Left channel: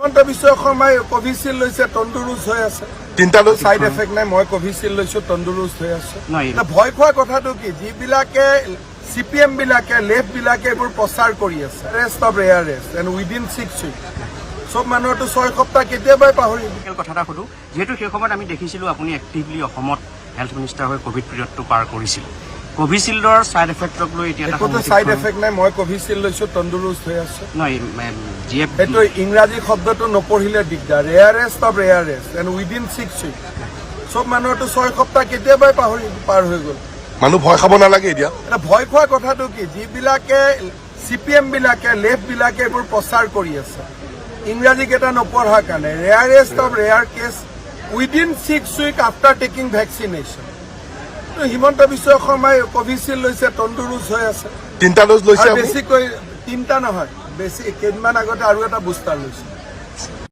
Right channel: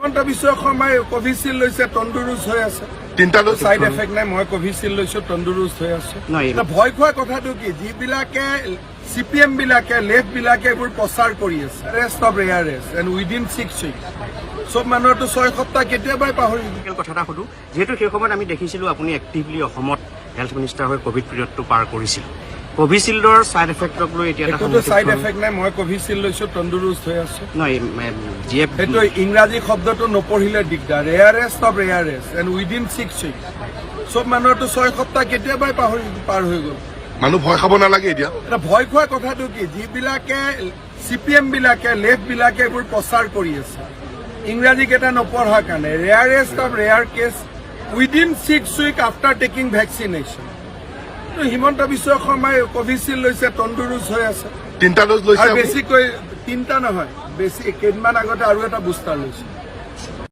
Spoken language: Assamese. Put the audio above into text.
হিমন্ত বিশ্ব শৰ্মাই কোভিচিল্ড লৈছে, তন্দুৰুস্ত হৈ আছে। তিনিটা ড'জ সাইড এফেক্ট নাই। মই কোভিচিল্ড লৈছো, তন্দুৰুস্ত হৈ আছো। ভয় খোৱা কথাটো কি, যিবিলাকে CPM বিলাকে লেফ্ট বিলাকে এইবোৰ প্ৰচাৰ কৰি আছে, rest of rarest and within 6 week, চব মানুহৰতো 6 সপ্তাহ কেতিয়াবাই পাহৰি কথা এটা সুধো, যিহেতু সেই সময়ত আমি দেখিছিলো আপুনি এক্টিভলি অসমত হেল্থ মিনিষ্টাৰ হৈ কোভিড পিৰিয়ডটো পাৰ কৰিছিল। কোভিচিল্ডৰ চাইড এফেক্টক লৈ এতিয়া একোতো চাইড এফেক্ট নাই। মই কোভিচিল্ড লৈছো, তন্দুৰুস্ত হৈ আছো। সেইটো ইংৰাজী শব্দটো নপঢ়িলে দিগদাৰ। Rarest of rarest and within 6 week, চব মানুহৰতো 6 সপ্তাহ কেতিয়াবাই পাৰ হৈ গ'ল। মানুহ ভয় খাব নালাগে এতিয়া। এটা ভয় খোৱা কথাটো কি, যিবিলাকে CPM বিলাকে লেফ্ট বিলাকে এইবোৰ প্ৰচাৰ কৰি আছে, ইংৰাজী কেইটা নপঢ়াৰ কাৰণে। Rarest of rare case within 6 week after taking vaccination. Himanta Biswa শৰ্মাই কোভিচিল্ড লৈছে, তন্দুৰুস্ত হৈ আছে। তিনিটা ড'জ লৈছে। আৰু বেছিকৈ তিনিটা নহয়, বেছি কেইদিনমান আগতে আৰু এটা বুষ্টাৰ লৈছে।